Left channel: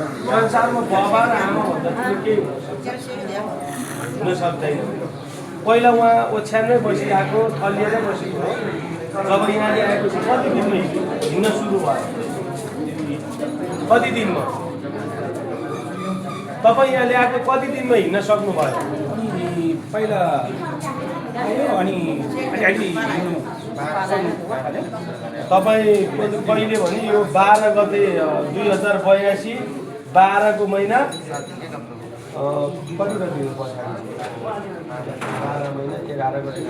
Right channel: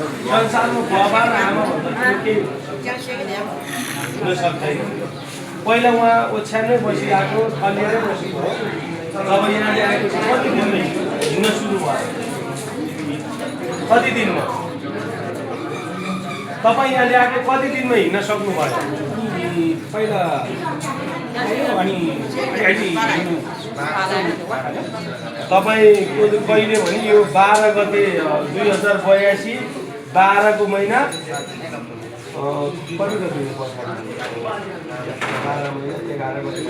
संसारमा बाबा र आमा भन्दा के हुन सक्दैन। पहिला उहाँ ओछ्यानमै बसिरहेको थलिएरै बसिएको जब यहाँले आएपछि कति दिनमा हिँड्न सुरु भयो? कति दिनमा? तपाईँ यहाँ ल्याएको कति दिनमा हिँड्न सक्नुभयो? पहिला अनि तपाईँको कहिले भने यो 12 गते 2082 12 को महिना कति गते पछाडि 12 महिना 11 गते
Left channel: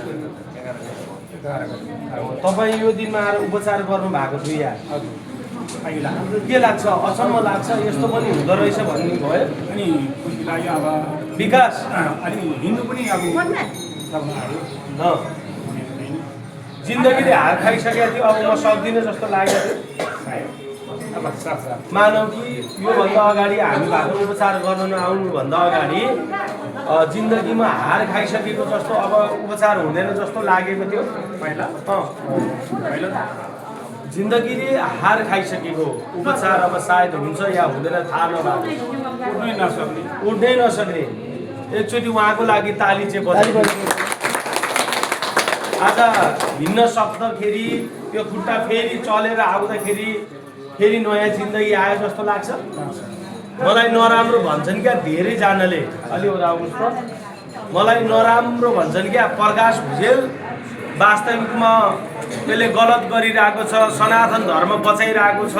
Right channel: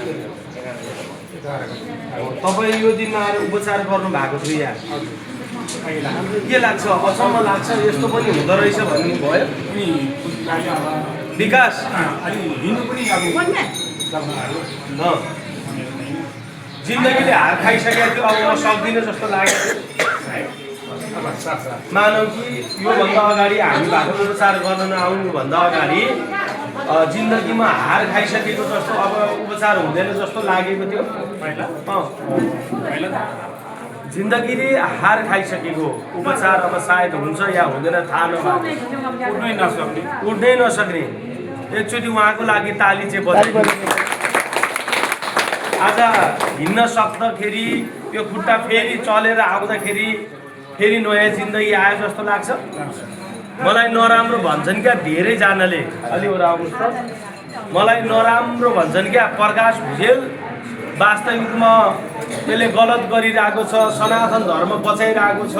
तपाईँ यो दिनमा आएर उपचार गर्नु भएको थियो यहाँ। के लाग्छ? अचम्म लाग्छ यस्तो पनि हुँदो रहेछ भन्नुभयो अनि अब विकास अलि हिँड्नु पनि अब जिन्दगीले हार खाइसकेको थियो। अब म सक्दिनँ जस्तो लागेको थियो। मानौ कि योभन्दा अगाडि हामी भएको उपचार गर्न नआउनुभन्दा अगाडि जिन्दगीमा हार खाइसकेको जस्तो अब उपचार हुँदैन जस्तो लागेको थियो पहिला। जिन्दगीले हार खाइसकेको उपचार अब सायद हुन्छ या हुँदैन थाहा नभएको, उठ्नै नसक्ने एकचोटि उहाँको लागि ताली चाहिँ बजाइदिनु। आज हिँड्न सक्दाखेरि यो खुट्टा फेरि चलेर आउँदाखेरि फेरि नयाँ जिन्दगी आयो जस्तो लाग्छ। मलाई नराम्रो भन्छन् क्या धेरैजनाले, अलि आउनुहोस् त, मलाई नराम्रो भन्छन् क्या प्रकाश भुजेल वास्तविकमा त्यसले गलत गरिरहेको छ, सनातन धर्म बचाइरहेको छ,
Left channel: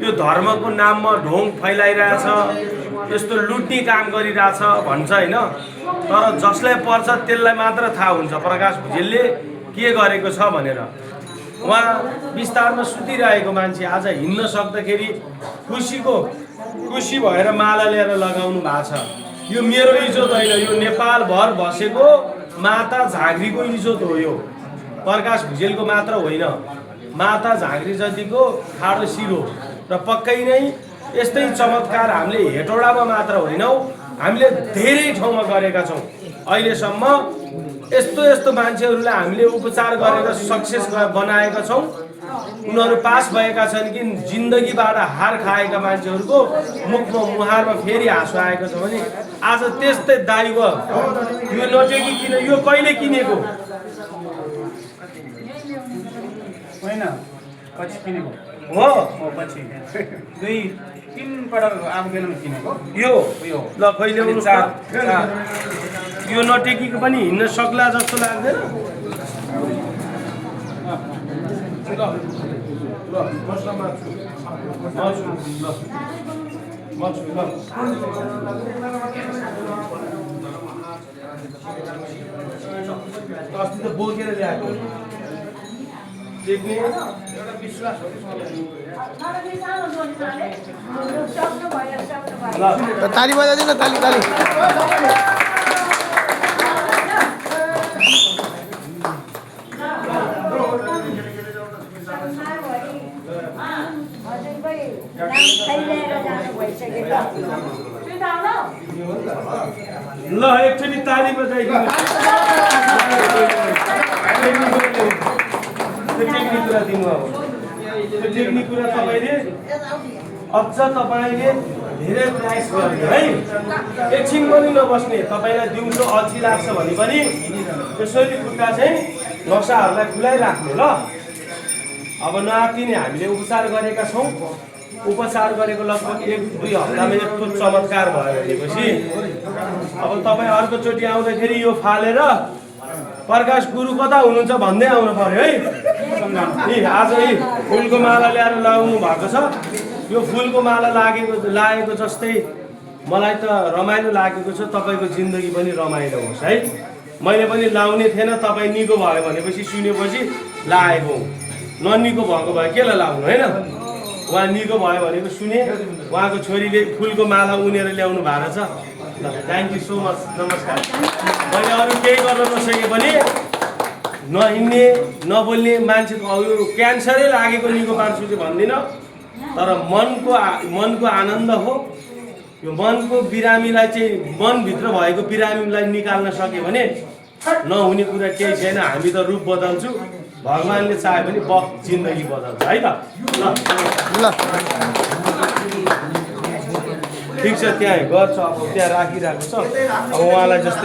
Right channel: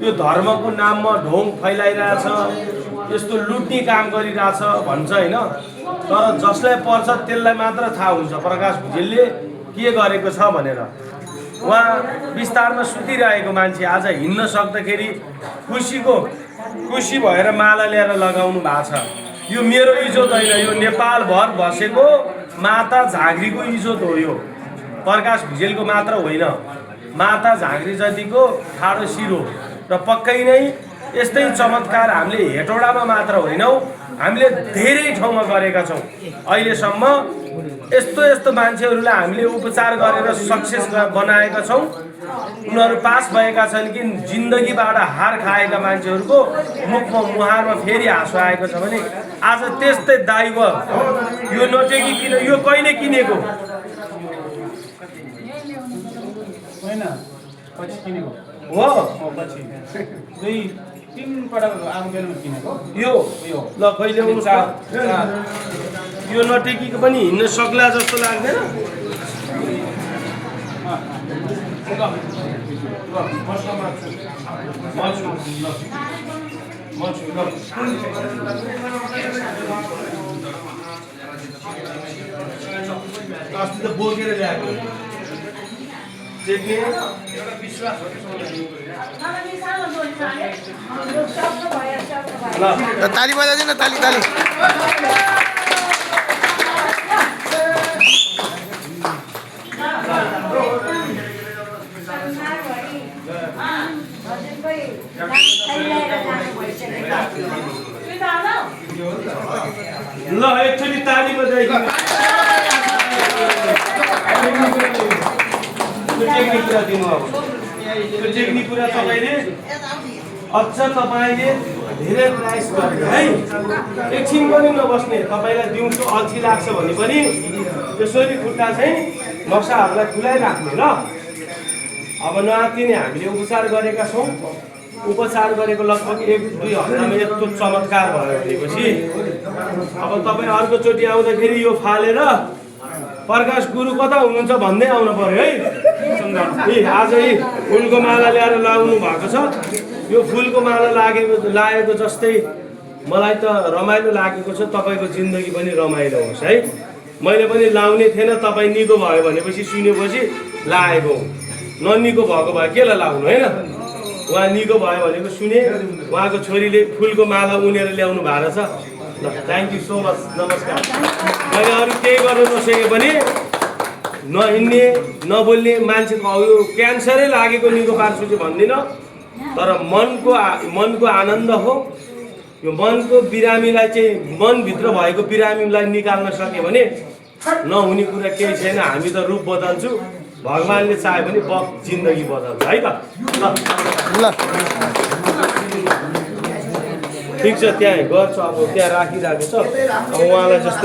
यो धर्मको नाममा ढोङ फैलाइरहेछ, यस्तो लुट्ने काम गरिरहेछ भन्छ होइन। तर जसलाई पर्छ त्यसलाई मात्र थाहा हुन्छ प्रकाश भुजेलले के गरेको छ भनेर। उहाँ विस्तारमा सुतिरहेको मान्छे आज हिँड्न सक्दाखेरि खुसी भएर माला ल्याएर लगाउनु भएको छ। यो मेरो इज्जत होइन, यो नेपालभर बसेको माता झाँक्रीको इज्जत हो। यो प्रकाश भुजेलको मात्र होइन, माता झाँक्री जतिको ठाडो शिर हो। र पक्कै नै यस्तै चमत्कार हामीले हेटौडामा मात्र होइनौँ, हामीले धेरै ठाउँमा गरेका छौँ। अहिलेसम्म यस्तो मान्छेहरूलाई हामीले उपचार गरेर सक्सेस बनाएका छौँ। उनीहरू पास भएका छन् कि जिन्दगीबाट हार खाएका मान्छेहरूको मुखमा मुहारमा फेरि हाँसो आएको छ भने आज त्यस्तै दाइव यो नटेकी किन, यो कहिले किनेको होइन, पछि किनेको हो, पछि 2-3 पटक आम बेलमा किनेको यो ल कहिले यो नटेकीको पनि हिँड्न सक्ला जस्तो लाग्दैन। अस्ति त बोकेर ल्याएको ताली बजाइदिनु, ताली ताली। ल एकचोटि ताली बजाइदिनु। टेक्निक कुरा दिनु। अब त्यो टेक्निक कुरा तपाईँले अझ तपाईँले धेरै प्राइस गर्ने है। एकछिन पनि नबस्ने। तपाईँलाई दिउँसो अल्छी लाग्छ भने पनि यसरी खुट्टा चाहिँ नक्साहरूलाई खुलाइराख्ने ल। अब नआत्तिने हामीले उपचार गरेका छौँ। उपचार गरेको लगभग 1-2 हप्तामा यस्तो चमत्कार भयो भनेपछि अब तपाईँ अर्कोचोटि आउँदाखेरि यो फालेर प्रकाश गुरु कता हुनुहुन्छ भन्दै आउनु पर्यो है। आज फुलको माला ल्याएर लगाउनु भएको छ। यो फुलको माला लागेको जस्तै मलाई त रमाइलो लागेको छ। तपाईँको जिन्दगी पनि रमाइलो होस् है। मैले पनि लाउने थिएन, तपाईँ निको भयो भनेपछि सुनेपछि लागेको। ननिको भएको भए केलाई लाग्नु होइन। उहाँ निको भयो भनेको सुने, उहाँको छोरीले फुलको माला उनेर ल्याउनु भएको छ। ल थ्याङ्क यू सो मच, नमस्कार। मैले अरू केही गर्न नसके पनि नहिँड्ने नबोल्ने मान्छेको यो क्यान्सरै लागेको निको पार्छु चाहिँ भन्दिनँ, तर मनको आनन्द हो। यो मनको बिरामीलाई चाहिँ मनभित्र भएको बिरामीलाई निकाल्न सक्यो भने नहुने कुरा केही छैन। हामी त रूप बदल्छु, भगवान्ले चाह्यो भने जिन्दगी बदल्छ है त। ल ठिक छ त्यहाँ गर्छ अब त्यहाँ राखिरहेको छ अब उहाँलाई जस्तै